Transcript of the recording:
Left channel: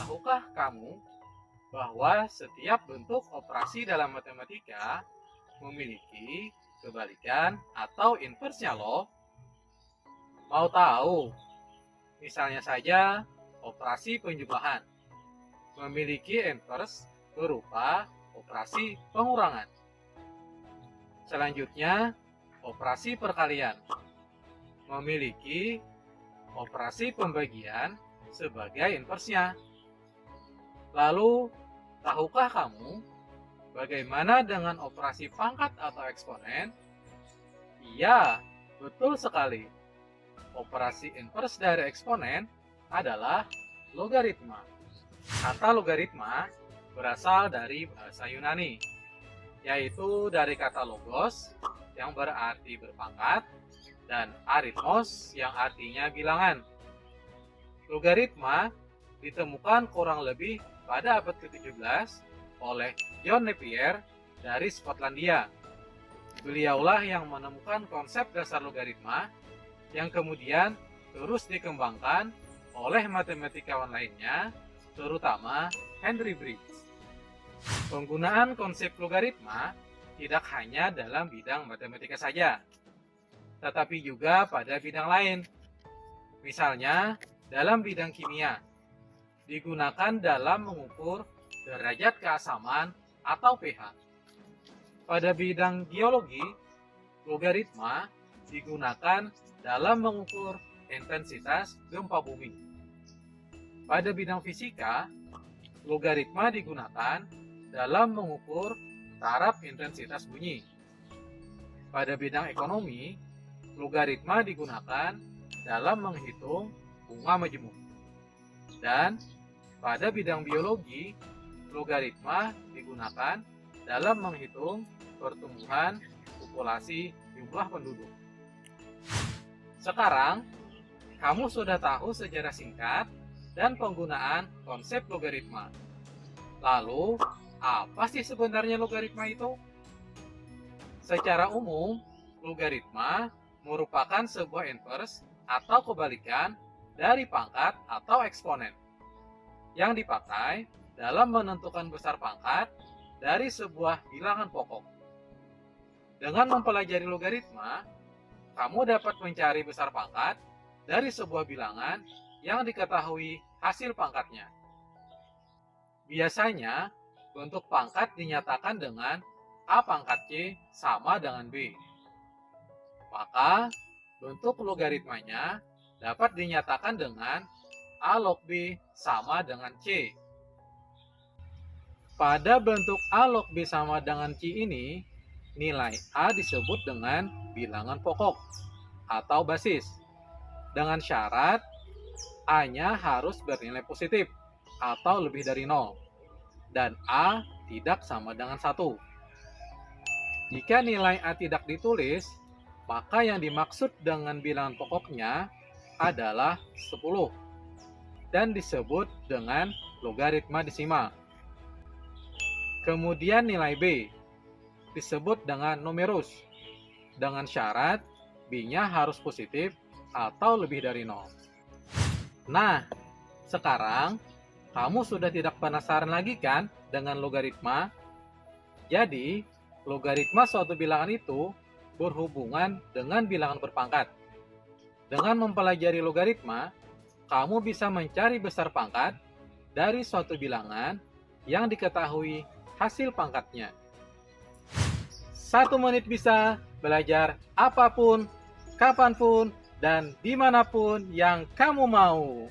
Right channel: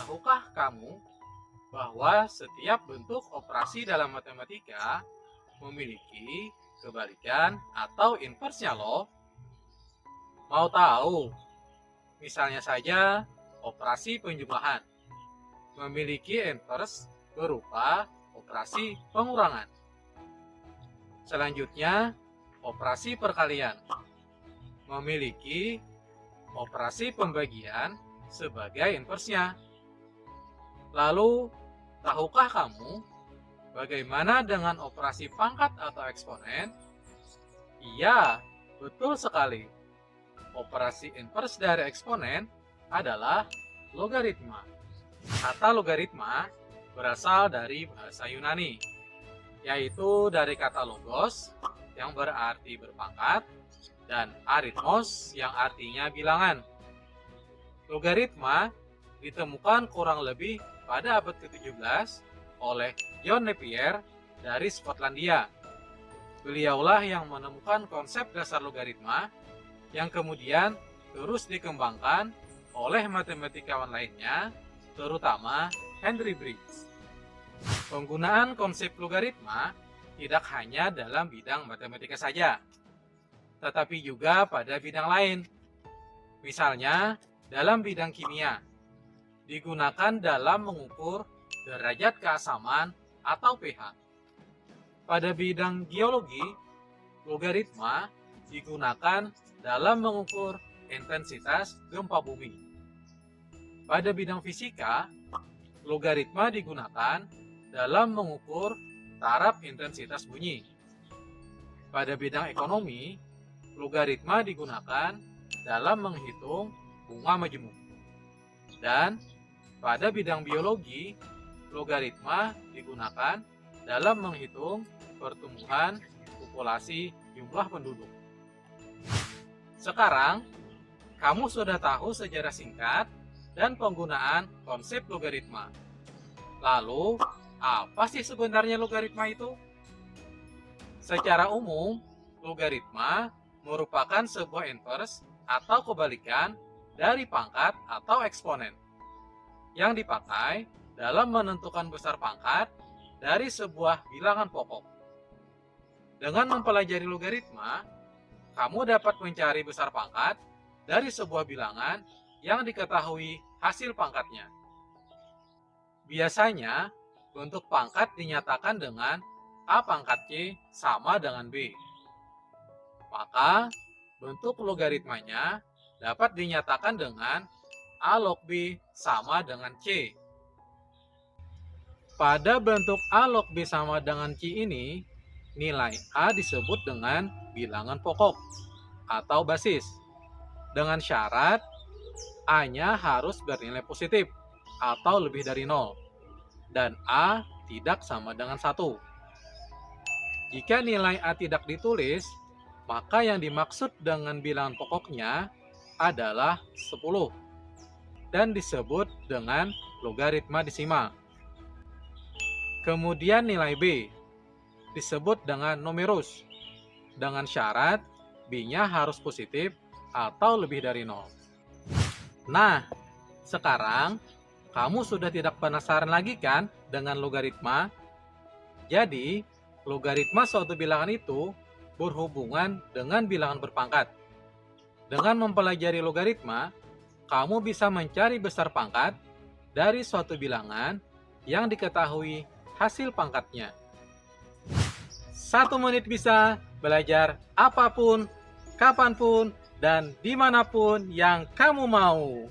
Tahukah kamu bahwa setiap bentuk operasi dalam matematika memiliki kebalikan atau inversnya loh? Mau tahu? Misalnya saja operasi penjumlahan memiliki inverse berupa operasi pengurangan. Selanjutnya, operasi perkalian memiliki operasi pembagian sebagai inversnya. Lalu, tahukah kamu bagaimana dengan operasi pangkat atau eksponen? Iya, betul sekali. Operasi inverse dari eksponen adalah logaritma. Kata logaritma berasal dari bahasa Yunani, yaitu dari kata logos yang berarti berpangkat dan aritmos yang artinya bilangan. Logaritma ditemukan kurang lebih pada abad ke-17 oleh John Napier dari Skotlandia. Beliaulah yang menemukan konsep dasar logaritma yang kemudian terus dikembangkan oleh matematikawan lainnya, terutama Henry Briggs. Penggunaan konsep logaritma tidak hanya dalam bidang matematika saja, tetapi juga pada bidang lain. Misalnya, dalam bidang kimia, digunakan dalam mengukur derajat keasaman atau pH. Pada bidang geologi, logaritma digunakan dalam mengukur intensitas gempa bumi. Pada bidang fisika, logaritma digunakan dalam mengukur taraf intensitas bunyi. Pada bidang ekonomi, logaritma digunakan dalam menghitung bunga majemuk. Dan pada bidang biologi, logaritma digunakan dalam menghitung pertumbuhan populasi jumlah penduduk. Sekarang, kamu sudah tahu sejarah singkat dan penggunaan konsep logaritma. Lalu, apa sih sebenarnya logaritma itu? Secara umum, logaritma merupakan sebuah inverse atau kebalikan dari pangkat atau eksponen yang dipakai dalam menentukan besar pangkat dari sebuah bilangan pokok. Dengan mempelajari logaritma, kamu dapat mencari besar pangkat dari sebuah bilangan yang diketahui hasil pangkatnya. Biasanya, bentuk pangkat dinyatakan dengan A pangkat C sama dengan B. Maka, bentuk logaritmanya dapat dinyatakan dengan A log B sama dengan C. Pada bentuk A log B sama dengan C ini, nilai A disebut dengan bilangan pokok atau basis, dengan syarat A-nya harus bernilai positif atau lebih dari 0, dan A tidak sama dengan 1. Jika nilai A tidak ditulis, maka yang dimaksud dengan bilangan pokoknya adalah 10 dan disebut dengan logaritma desimal. Kemudian nilai B disebut dengan numerus, dengan syarat B-nya harus positif atau lebih dari 0. Nah, sekarang kamu sudah tidak penasaran lagi kan dengan logaritma? Jadi, logaritma suatu bilangan itu berhubungan dengan bilangan berpangkat. Dengan mempelajari logaritma, kamu bisa mencari besar pangkat dari suatu bilangan yang diketahui hasil pangkatnya. 1 menit bisa belajar apapun, kapanpun, dan dimanapun yang kamu mau.